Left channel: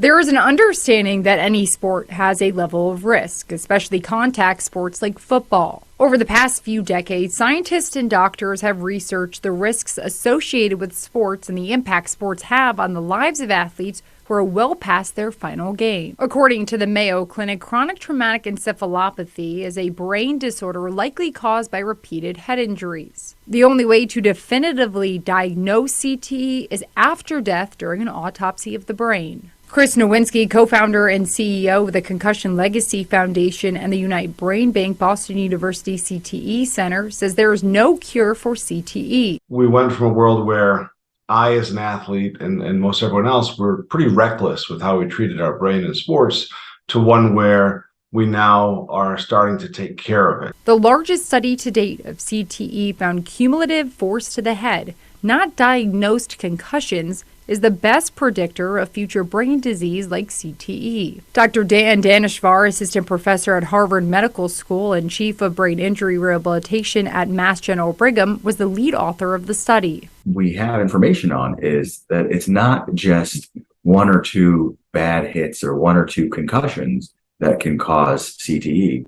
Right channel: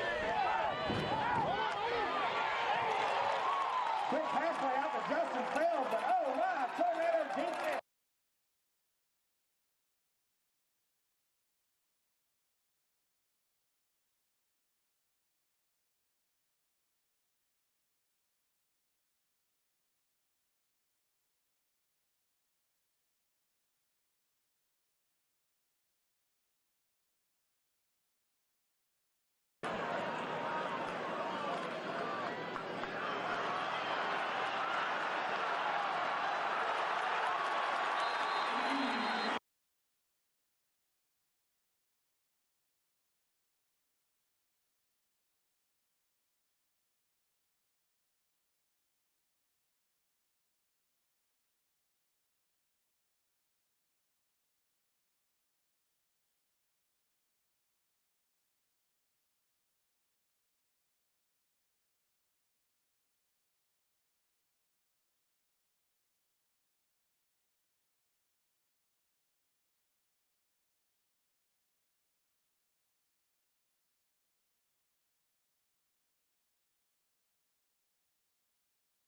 There is an understanding that any sport has a level of risk, especially contact sports like football. Over the past few decades, scientists and doctors have researched the risks associated with sports and the impact sports have on the lives of athletes who are well past their final game. According to the Mayo Clinic, chronic traumatic encephalopathy is a brain disorder likely caused by repeated head injuries. The only way to definitively diagnose CTE is after death during an autopsy of the brain. Chris Nowinski, co-founder and CEO of the Concussion Legacy Foundation and the Unite Brain Bank Boston University CTE Center, says there is no cure for CTE. We went from a world where I, as an athlete, and most everyone else, were pretty reckless with how we treated our brain in sports, to one where we now are starting to take care of it. The largest study to date of CTE found cumulative force to the head, not diagnosed concussions, is the best predictor of future brain disease like CTE. Dr. Dan Daneshvar, assistant professor at Harvard Medical School and chief of brain injury rehabilitation at Mass General Brigham, was the lead author of the study. We have information on is that it's not just one or two bad hits or one or two concussions that can cause CTE.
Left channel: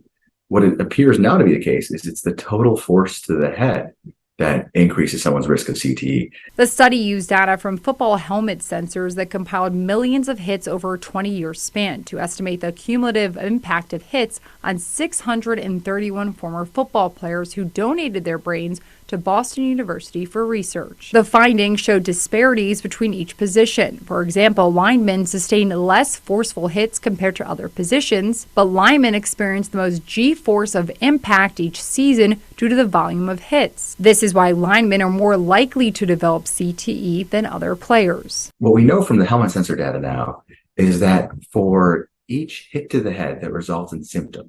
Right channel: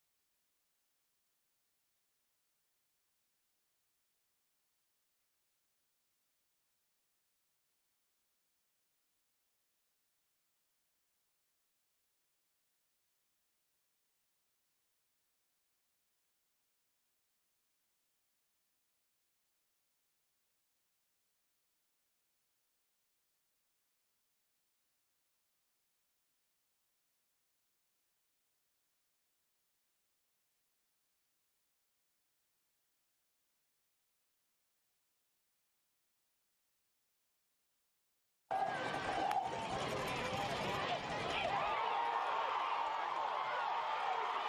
What it appears now to be the case is it's the total force to the head that increases someone's risk of CTE. The study used data from football helmet sensors that compiled millions of hits over a 20-year span to estimate the cumulative impact of hits on 631 former football players who donated their brains to Boston University for research. The findings showed disparities between each position. For example, linemen sustained less forceful hits compared to other positions, but linemen experienced the most G-force of impact each season due to the volume of hits. This is why linemen are more likely to develop CTE than other players. What we know from the helmet sensor data now is that for each hit to the head that results in symptoms,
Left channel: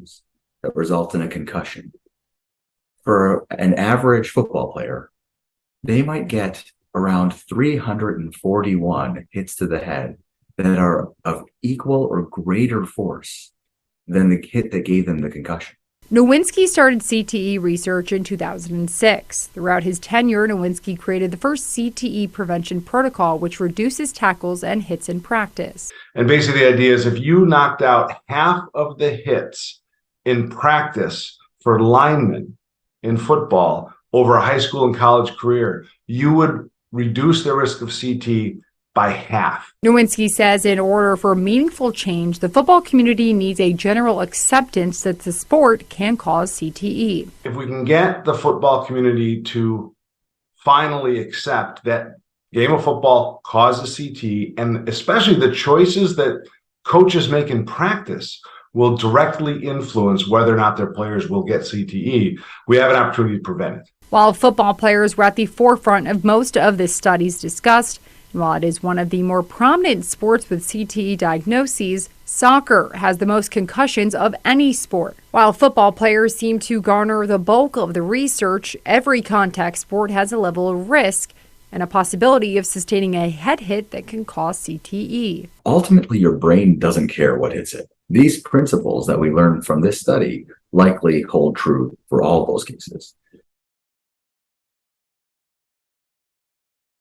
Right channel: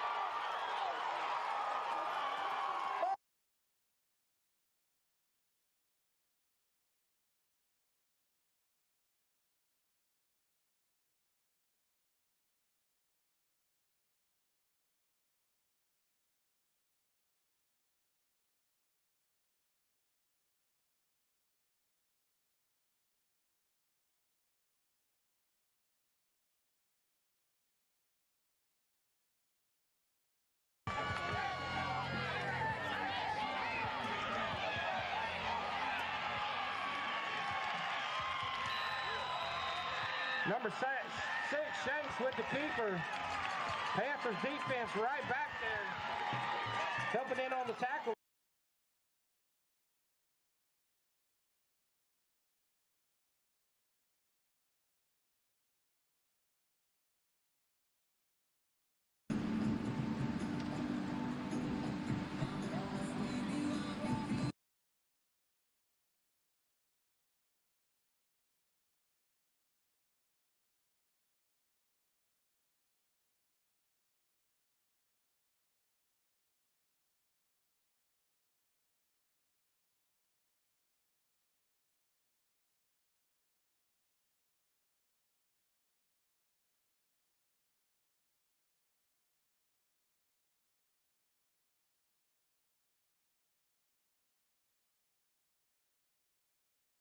that result in a concussion, for an average football player, they might get around 341 hits to the head that are of equal or greater force than the hit that gave them the concussion. Nowinski started CTE research in 2006. Throughout his tenure, Nowinski created the first CTE prevention protocol, which reduces tackles and hits in practice. And basically the idea is if you knocked out half of the hits in practice for linemen in football over a high school and college career, you would reduce the risk of CTE by half. Nowinski says in order for meaningful change, the football community needs a general acceptance that the sport can cause CTE. If we can get the football community to finally accept that game of football causes CTE, and especially the choices that coaches make in practice will directly influence whether or not their players will get CTE, we have an opportunity to prevent it. While football players were at the forefront of most of the studies discussed, and while it is one of the more prominent sports with CTE diagnoses, soccer has the most concussions of any sport. While football players seem to garner the bulk of the research, every contact sport has a level of risk and a possibility of sustaining a head hit that can cause CTE. Ultimately, your brain doesn't care what hits it. These principles that we learned from this study likely hold true for all those cases.